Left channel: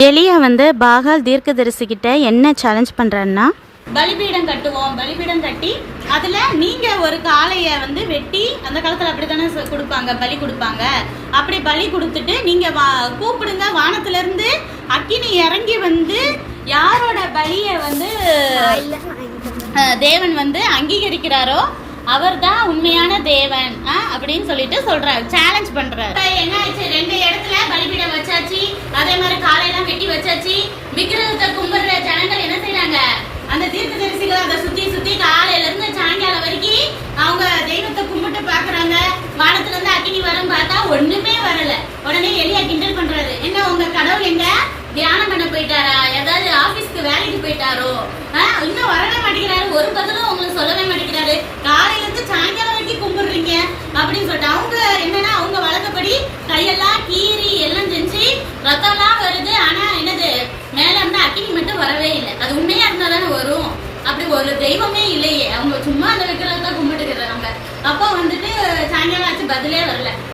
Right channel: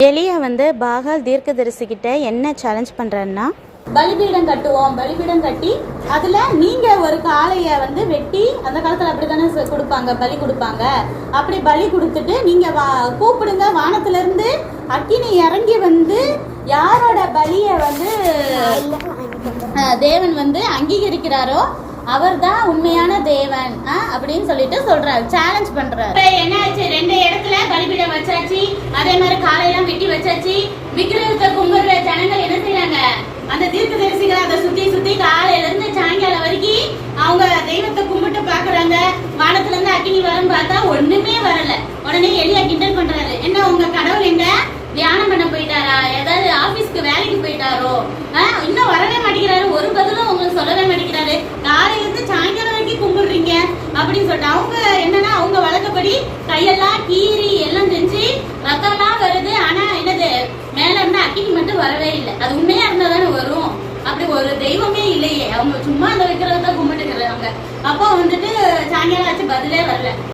எலியா வந்து பாகால் தீர்க்கதரிசிக்கிட்ட என்ன சேலஞ்ச் பண்ணுறாருன்னா பலிபீடம் கட்டுவோம் பலிபீடம் கட்டி அதுல நீங்க ஒரு காளைய வந்து வெட்டி அந்த காலத்துல அப்படித்தானே கொடுப்பாங்க பலி கொடுப்பாங்க. அப்படி பலி கொடுத்துட்டு நீங்க வா- கூப்பிடுங்க வானத்துல இருந்து அக்கினி இறங்கி வந்து யாரோட பலிய வந்து தேவன் வந்து அங்கீகரிக்கிறாரோ அவர் தான் உண்மையான தேவன் அப்படின்னு சொல்லிட்டு சொல்றாரு சேலஞ்ச் பண்றாரு இப்ப என்ன ஆச்சு ரெண்டு இடத்துல பலிபீடம் வச்சாச்சு அதே மாதிரி காலையெல்லாம் வெட்டி வச்சாச்சு. விக்கிரகத்தை கும்பிடுற ஜனங்கள் என்ன செய்யறாங்க அந்த தீர்க்கதரிசிகள் அதை சுத்தி சுத்தி காலையில இருந்து சாயங்காலம் வரைக்கும் அவங்க தெய்வத்தை கும்பிட்டு பாக்குறாங்க வானத்துல இருந்து அக்கினி வரும் பார்த்தா ஒண்ணுமே வரல. உடனே எளியா கிண்டல் பண்றாரு. என்ன உங்க கடவுள் எங்க? தியானம் பண்ண போயிட்டாரா? ஏதாவது ஆபீஸ்க்கு வேலைக்கு போயிட்டாரோ? ஆஹ், இன்னும் வரவே மாட்டேங்கிறாரு. ஒரு பதிலும் உங்களுக்கு சொல்லவே மாட்டேங்கிறாரு. காலையில இருந்து சாயங்காலம் வரைக்கும் கும்பிடுறீங்க அப்படின்னு சொல்லிட்டு அவங்க ரத்தம்லாம் வருது ஆனா என்னது மேல இருந்து அக்கினி மட்டும் வரவே இல்லை. அது உண்மையா இருந்தா தானே வரும். அப்படி ஒரு தெய்வமே இல்லையே. அவங்க சும்மா அந்த விக்கிரகத்தை கும்பிட்டுக்கிறாங்க அப்போ வந்துட்டு சாயங்காலம் ஆச்சு பதிலே வரல.